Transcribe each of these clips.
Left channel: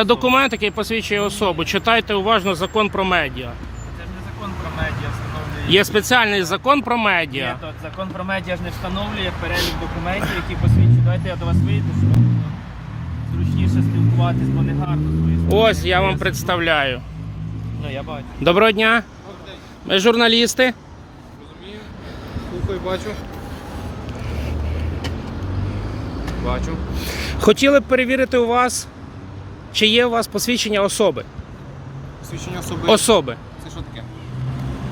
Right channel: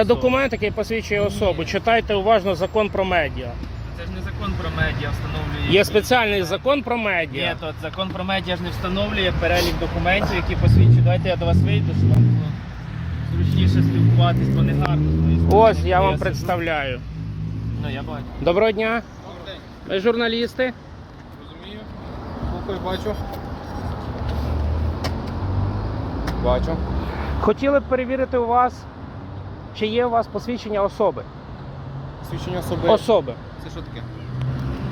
Це документ, який посвідчує особу, читайте уважно закон про медіа. Це ж не закон про медіа встановлює. Є спеціальний закон про медіа. Ні, то, закон про медіа ж не встановлює перелік документів, які посвідчують. Давайте я до вас вийду, щоб зручніше ну, спілкуватись не гарно. Твої збування, Ось я, я вам я представляю. Ну, я бачу. Доброго дня! Ми Доброго дня. журналісти. Розумію. Слухаю, бачу. Бачу. Хотіли б перевірити у вас. Чи є у вас посвідчення особи? Посвідчення особи. Особи. Це що таке?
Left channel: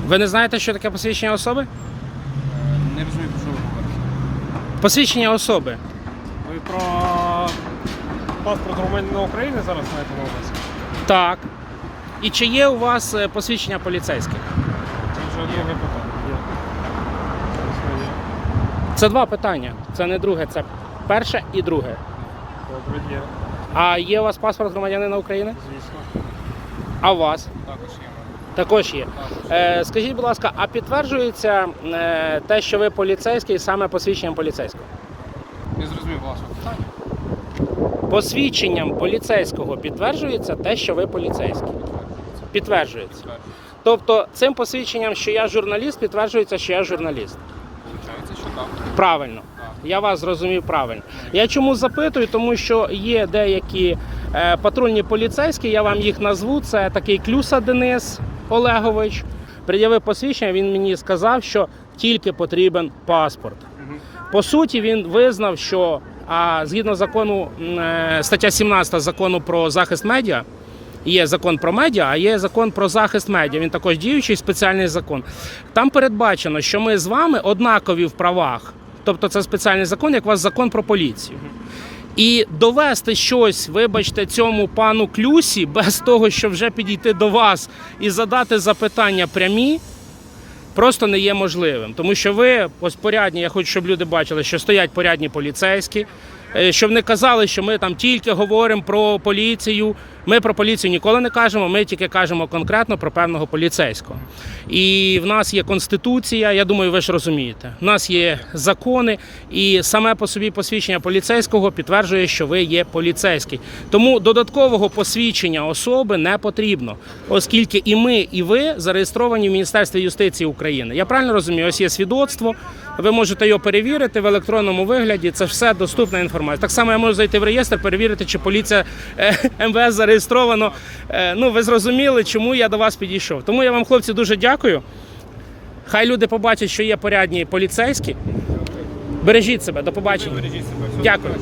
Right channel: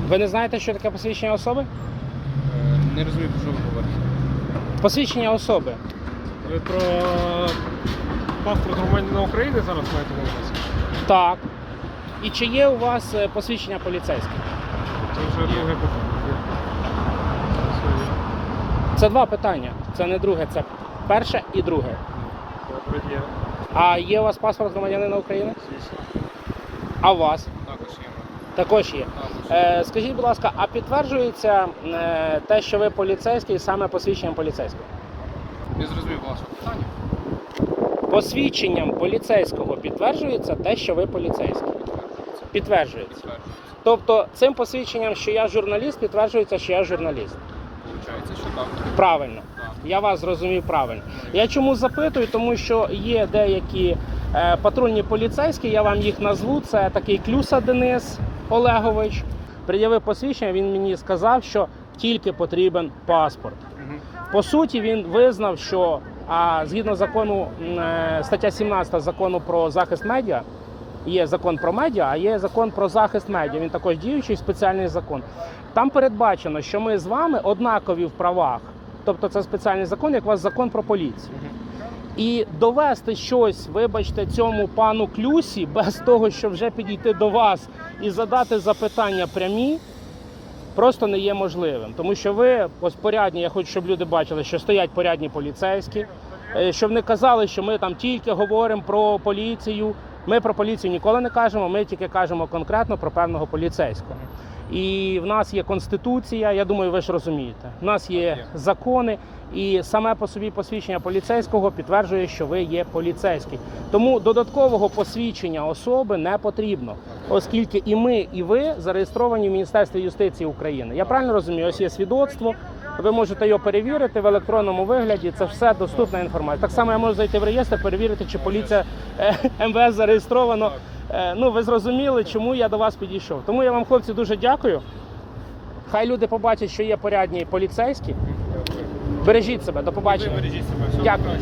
Ви не знаєте, що таке посвідчення особи? Не розумію, про що ви говорите. Посвідчення особи. Ви про паспорт громадянина України зараз маєте увагу. Так. І чи є у вас посвідчення поліцейське? Це однієї питання. Це два питання. Це не друге. Це перше і друге. А є у вас паспорт громадянина України? Звісно. А у вас? Також є. Також є. Також є. Скажіть, будь ласка, а підтверджується те, що ви поліцейський, і саме посвідченням поліцейського? Не зрозуміло, вашу питання. Посвідченням поліцейського підтверджується те, що ви поліцейський. Підтверджується. Підтверджується. підтверджується. Тобто цим посвідченням, що я журналіст, підтверджується, що я журналіст. Правильно, так. я вас зрозумів правильно. Я чому запитую? Тому що є деякі е, патрульні поліцейські, я вам їх назву, це такий клюса Денис Олегович. Пред'явив посвідчення, він мені сказав, що тільки потрібен паспорт. По суті, він визнав, що а, згідно закону е, стаття 17 закону про захист медіа. Є закон про медіа, а є закон про захист медіа. Він також діючий спеціальний закон. Там передбачено, що ми з вами однакові в правах, тобто це спеціальний закон, як у вас закон про поліцію. І довести щось, вибачте, цьому пану клюсі без того, щоб вже підійти до вас і задати запитання прямі, просто не є можливим, тому що ви, ось порядні, я хочу щоб люди бачили, що стоять порядні поліцейські. Щоб не казали, що ми там тільки говоримо про поліцію. Ми про поліцію ніколи не кажемо, ми тільки кажемо конкретно про певного поліцейського. І в нас є конституція. Я думаю, ви ж розумієте. в нас є закони, і саме по собі посвідчення поліцейського підтверджує, що ви є поліцейський. Тому додаткового посвідчення особи не потрібно, оскільки і ми, і ви зареєстровані в Міністерстві юстиції України. Я правильно розумію? Ось є свідоцтво. Ви можете його перевірити в електронному вигляді. Це все доступна інформація. Так само я можу зайти в реєстр, перевірити, чи поліція е, МВС зареєстровано. Е, ну, Ви зрозуміли, чому я до вас підійшов. Тому я вам, хлопці, дуже дякую. Хай люди побачать, що є порядні поліцейські. Бережіть себе, до побачення. Дякую.